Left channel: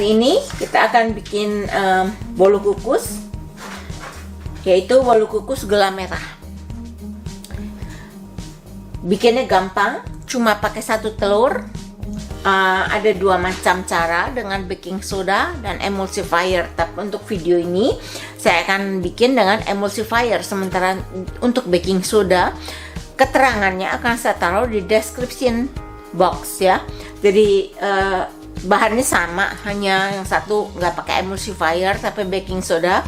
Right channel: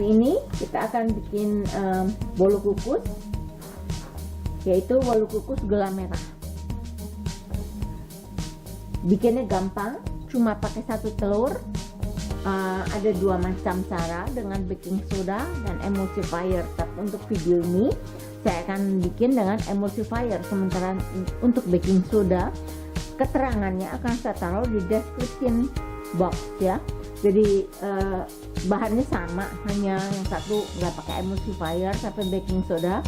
Hari ini kita akan bikin bolu kukus, yaitu bolu kukus gula merah. Bikinnya gampang, cuma pakai 1 telur. Ada 2 macam cara, dengan baking soda dan emulsifier. Tapi untuk video ini saya akan bikin dengan emulsifier. Sementara untuk baking soda, keterangannya akan saya taruh di description box ya. Jadi bahannya sama, hanya yang satu nggak pakai emulsifier tapi baking soda,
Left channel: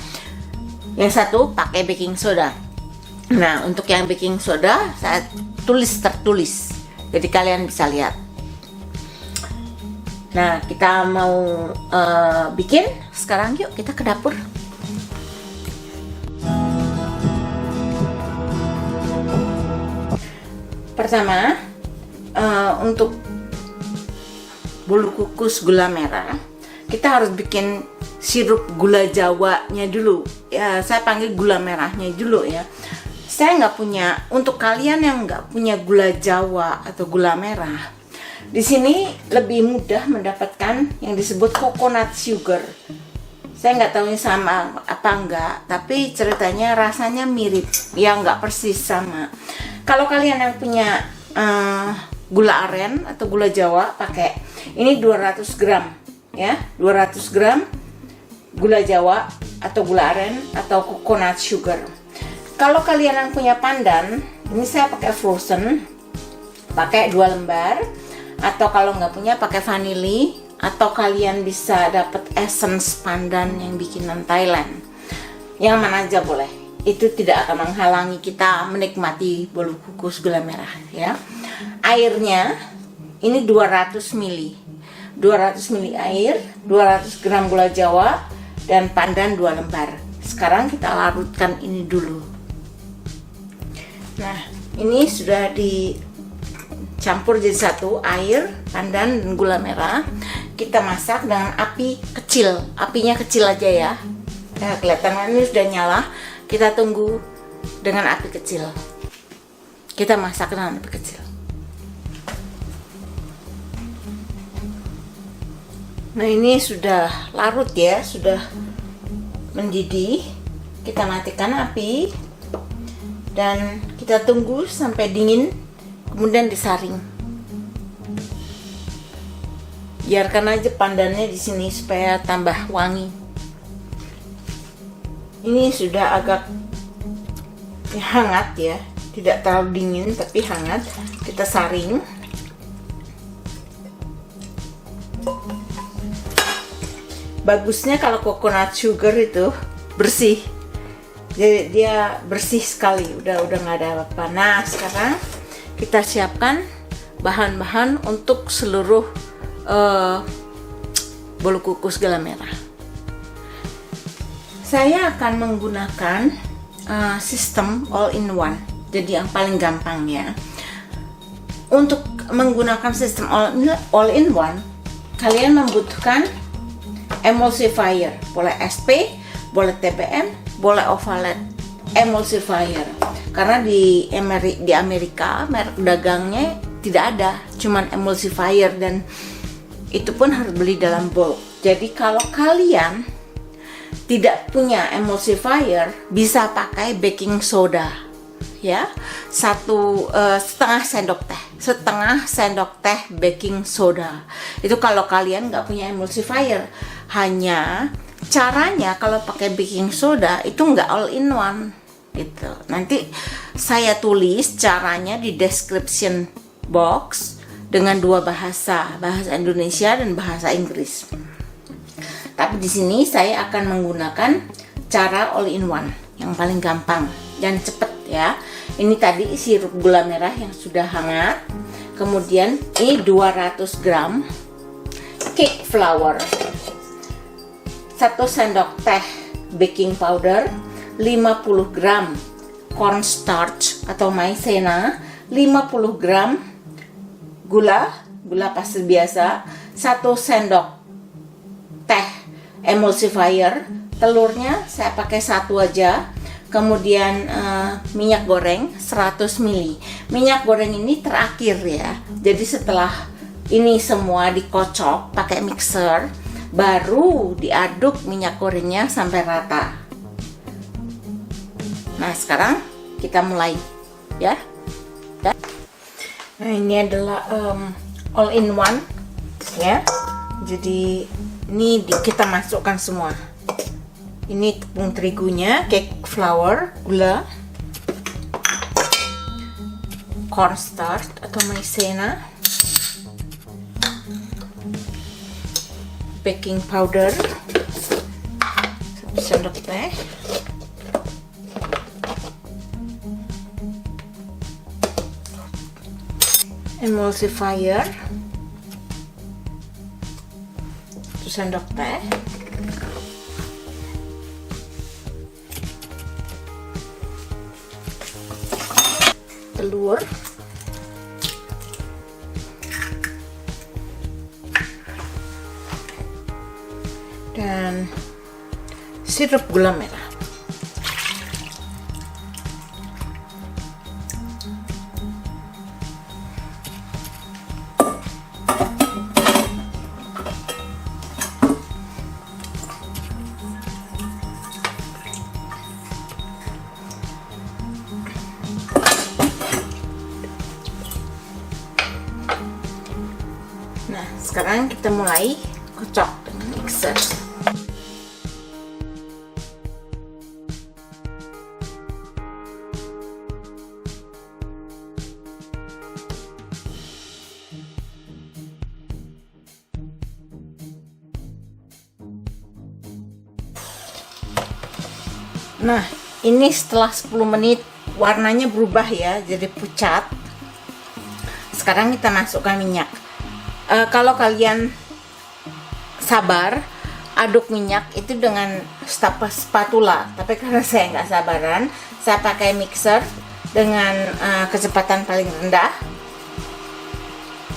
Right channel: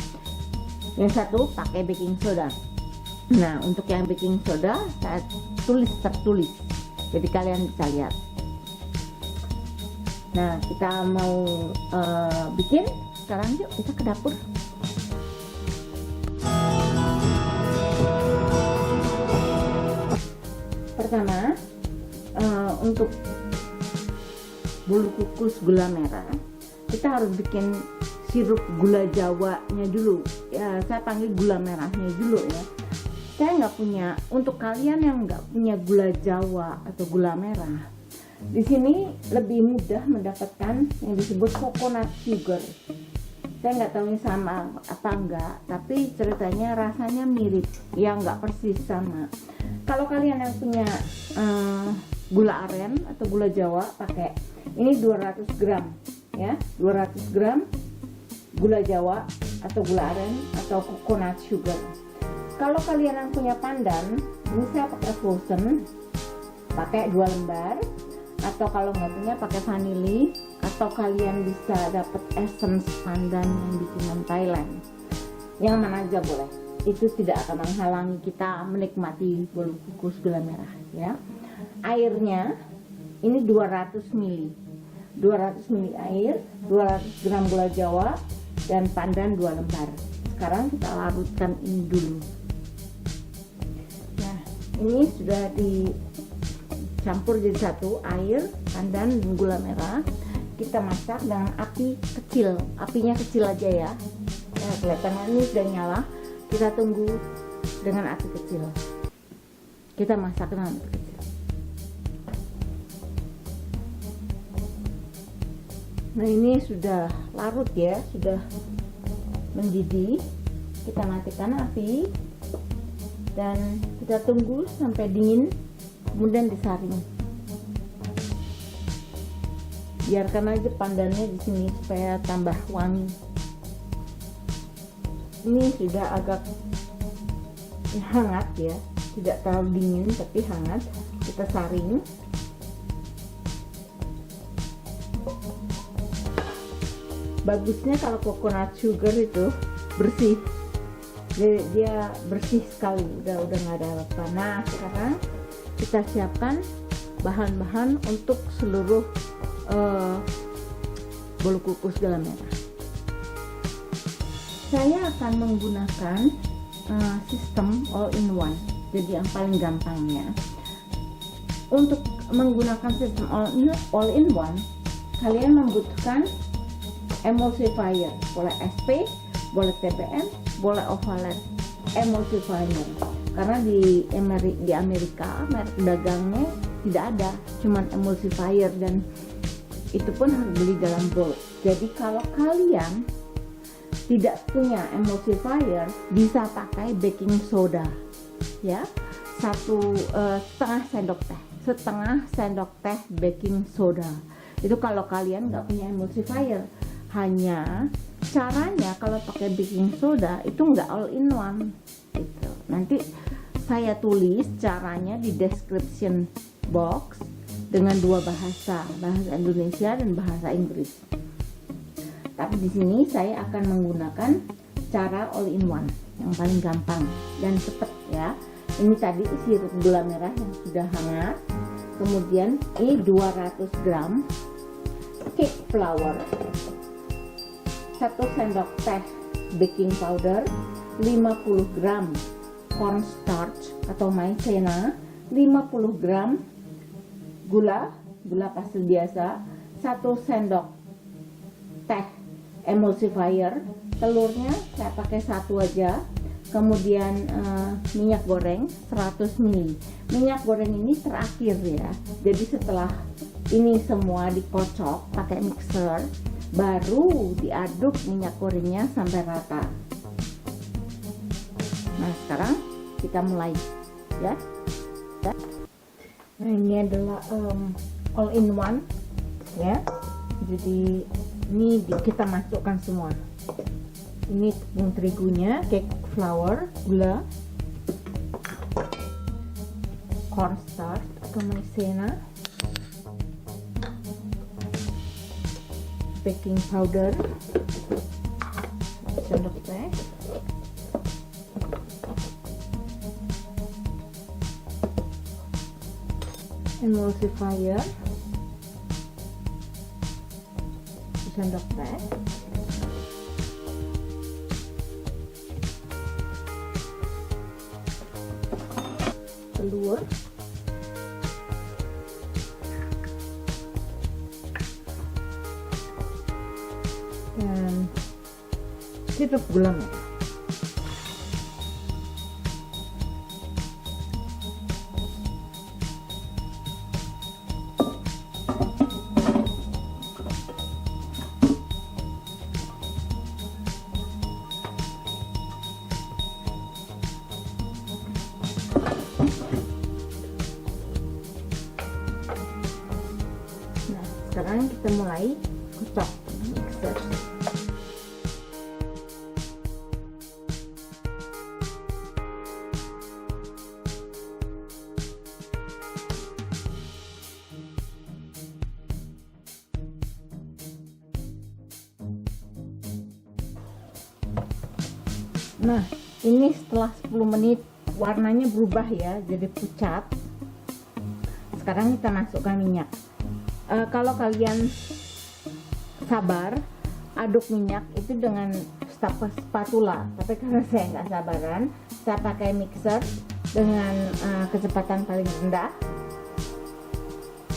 yang satu pakai baking soda. Nah, untuk yang baking soda saya tertulis, jadi kalian bisa lihat. Nah, kita mau bikin sekarang. Yuk kita ke dapur. Pertama, untuk bolu kukus gula merah, kita harus bikin sirup gula jawanya dulu ya. Saya panggil gula merahnya dulu ya. Saya nggak punya. Untuk kalian yang nggak punya gula jawa atau gula merah, di sini lebih mudah mendapatkan yang disebut coconut sugar. Saya nggak tahu ini sama apa enggak, tapi ceritanya rasanya mirip ya, nggak persis sama. Kalau kalian yang punya gula aren atau gula jawa, pakai ini 200 gram ya, 200 gram gula jawa atau gula aren atau coconut sugar. Kalau kalian yang punya pandan, ini saya pakai frozen, pakai 2 lembar. Atau kalau nggak punya pakai vanili, atau kalian bisa dapat essence pandan yang bikinan Thailand. Yang mana aja boleh. Itu tidak akan menghalangi kita menikmati bolu kukus gula merah ya. Airnya ini 200 ml. 200 ml air, 200 gram gula jawa dan pandan 2 lembar. Sekarang kita larutkan ini dulu. Nah, ini sudah dicampur jadi satu, air, pandan dan gula merah. Kita masak dengan api kecil. Apinya kecil aja ya. Nah, kelihatan ini sudah nyala. Kita tunggu dengan api kecil. Kita masak dengan api kecil. Nah, ini sudah larut ya, sudah mendidih. Kita matikan api dan kita tunggu sampai dingin, kemudian disaring. Biarkan aja pandannya di sini supaya tambah wangi. Ini sudah agak hangat ya, tidak terlalu dingin tapi hangat. Kita saring. Bagusnya kalau coconut sugar itu bersih, jadi dia bersih sekali, udah nggak ada apa-apa. Nah, sekarang kita siapkan bahan-bahan untuk seluruh bolu kukus gula merah. Saya akan menggunakan sistem all in one, jadi yang paling gampang ya. Untuk menggunakan sistem all in one, kalian membutuhkan emulsifier, boleh SP, boleh TBM, boleh Ovalet emulsifier. Karena di Amerika merek dagangnya tidak ada, cuman emulsifier, dan itu pun harus beli dalam bulk. Jadi kalau kalian tidak punya emulsifier, bisa pakai baking soda ya, setengah sendok teh baking soda. Itu kalau kalian nggak punya emulsifier. Hanya caranya kalau pakai baking soda itu nggak all in one gitu. Nanti saya tulis caranya di description box dengan 2 bahasa Indonesia dan bahasa Inggris. Tapi di sini saya akan menggunakan cara all in one yang paling gampang dan cepet ya. Ini tadi sirup gula merah yang sudah hangat. Kemudian ini 200 gram cake flour, 1 sendok teh baking powder, 50 gram cornstarch atau maizena, 50 gram gula pasir biasa, 1 sendok teh emulsifier, telurnya saya pakai 1 aja. Kemudian minyak goreng 100 ml. Minyak goreng ini terakhir ya. Jadi setelah ini semua dikocok pakai mixer, baru diaduk minyak gorengnya sampai rata. Nah, sekarang kita mulai ya. Nah, ini adalah all in one ya. Jadi ini kita masukkan semua. Ini tepung terigunya, cake flour, gula, cornstarch atau maizena, baking powder 1 sendok teh, emulsifier 1 sendok teh, telur, dan sirup gula merah. Nah, sekarang kita mulai kocok dengan mixer. Nah, ini setelah 10 menit warnanya berubah ya, jadi pucat. Sekarang kita masukkan minyak. Kalau kalian sabar, aduk minyak itu dengan spatula. Tapi karena saya nggak sabaran, saya pakai mixer dengan kecepatan paling rendah.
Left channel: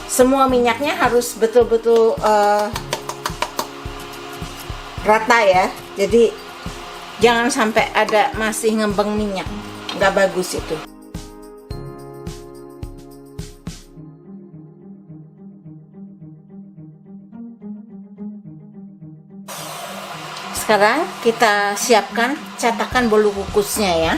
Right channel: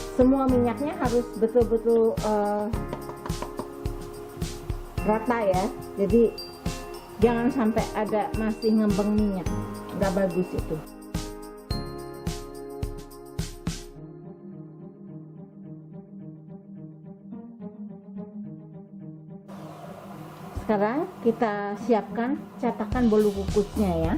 Semua minyaknya harus betul-betul rata ya. Jadi jangan sampai ada masih ngembang minyak, nggak bagus itu. Sekarang kita siapkan cetakan bolu kukusnya ya.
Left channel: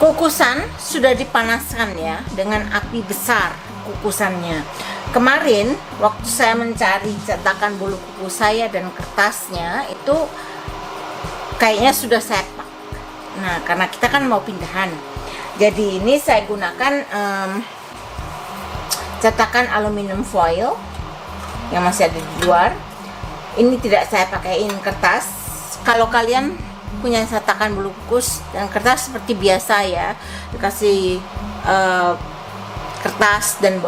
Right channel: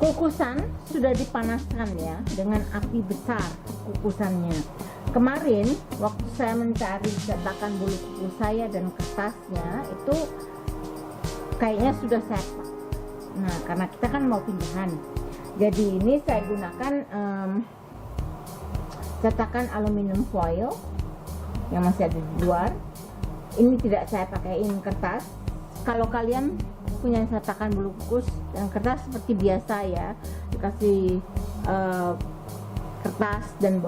Kukusan sudah dipanaskan ya dengan api besar kukusannya. Kemarin waktu saya mencari cetakan bolu kukus saya dan kertasnya itu kayaknya sudah saya pak. Nah, karena kita kan mau pindahan, jadi ini saya gunakan cetakan aluminium foil yang masih ada di luar. Ini tidak saya pakaiin kertas. Kalau kalian punya cetakan bolu kukus dan kertas seperti biasa ya, dikasih kertas dan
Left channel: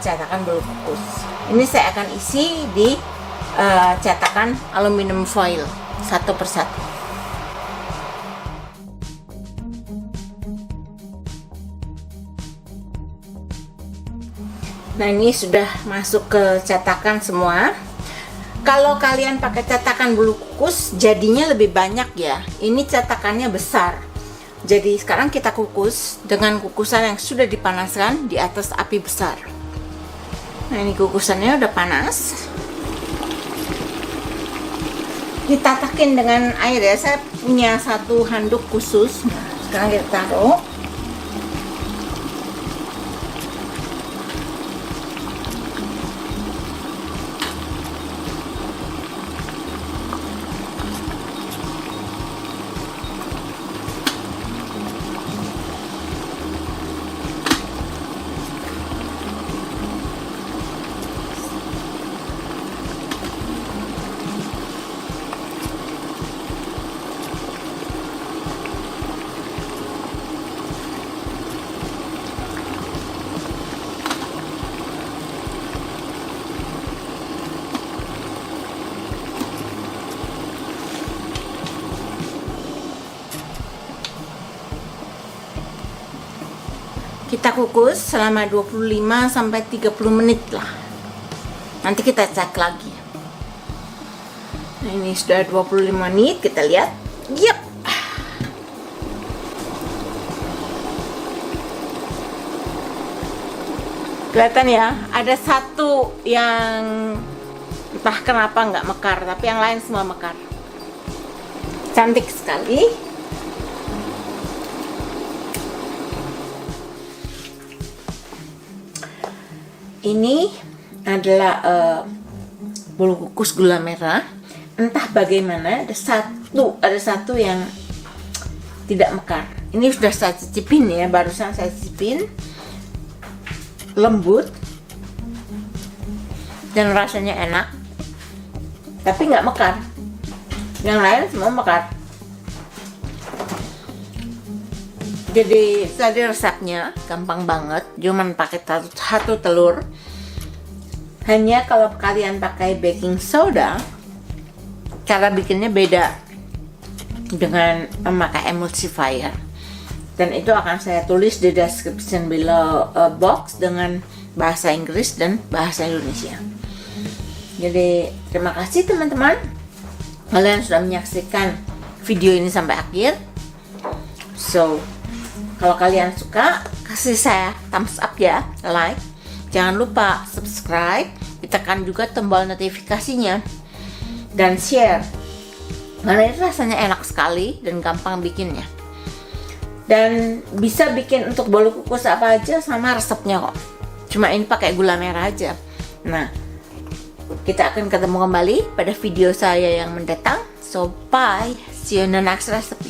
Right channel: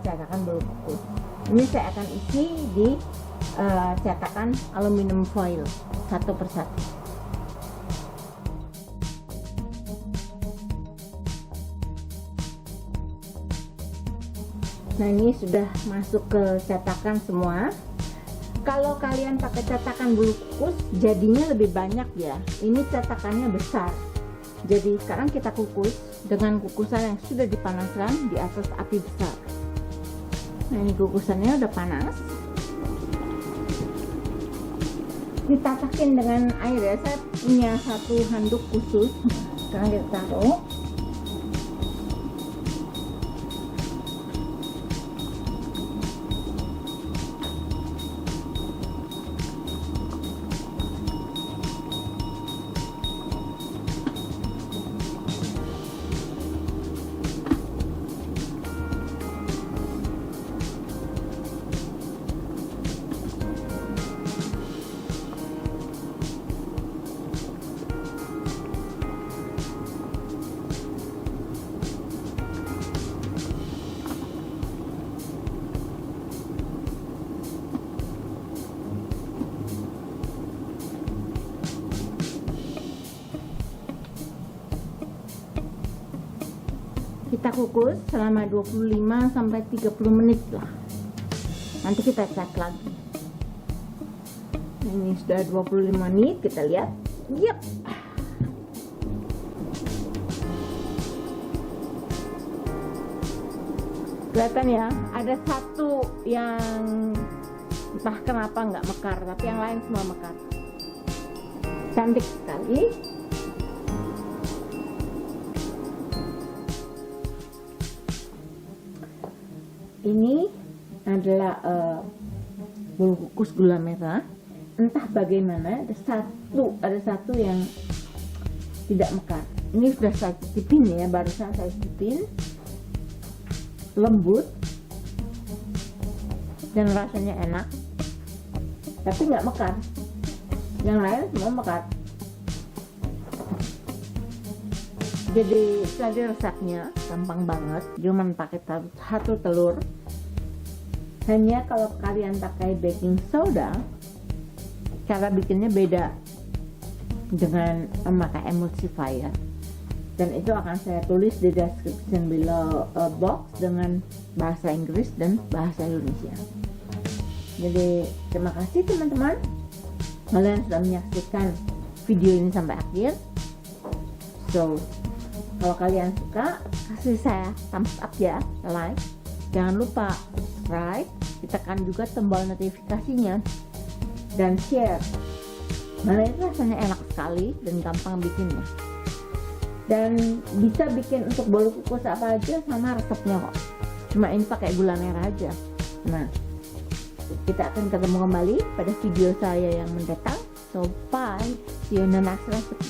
cetakan bolu kukus. Ini saya akan isi di cetakan aluminium foil satu persatu. Nah, ini sudah masuk ke cetakan semua. Kalau kalian pakai cetakan bolu kukus jadinya lebih banyak ya. Ini cetakannya besar. Jadi sekarang kita kukus dengan kukusan yang sudah dipanaskan di atas api besar. Nah, ini kukusannya udah panas. Ditatakin dengan air ya. Saya punya satu handuk khusus. Nah, sekarang kita taruh. Kita kukus selama 25 sampai 30 menit lah. Nanti kita cek lagi. Nah, ini sudah 25 menit, kita lihat. Yep. Kelihatan ya, ada satu yang entah kenapa nggak mekar, tapi yang lain semua mekar. Cantik sekali. Ini adalah bolu kukus gula merah. Entah bagaimana ada satu yang tidak mekar. Ini sudah saya cicipin ya, barusan saya cicipin. Lembut dan rasanya enak, tapi nggak mekar. Yang lain semua mekar. Jadi tadi resepnya gampang banget, cuman pakai satu telur. Hanya kalau kalian pakai baking soda, cara bikinnya beda dengan memakai emulsifier. Dan itu akan saya tulis di description below box dengan bahasa Inggris dan bahasa Indonesia. Jadi terima kasih teman-teman, kalian sudah menyaksikan video ini sampai akhir. So kalau kalian suka, kasih saya thumbs up ya, like. Jangan lupa subscribe, ditekan juga tombol notifikasinya, dan share. Karena itu rasanya enak sekali dan gampang bikinnya. Dan bisa bikin untuk bolu kukus apa aja sama resepnya kok. Cuma ini pakai gula merah aja. Nah, kita akan ketemu kembali pada video saya yang mendatang. So bye, see you in the next recipe.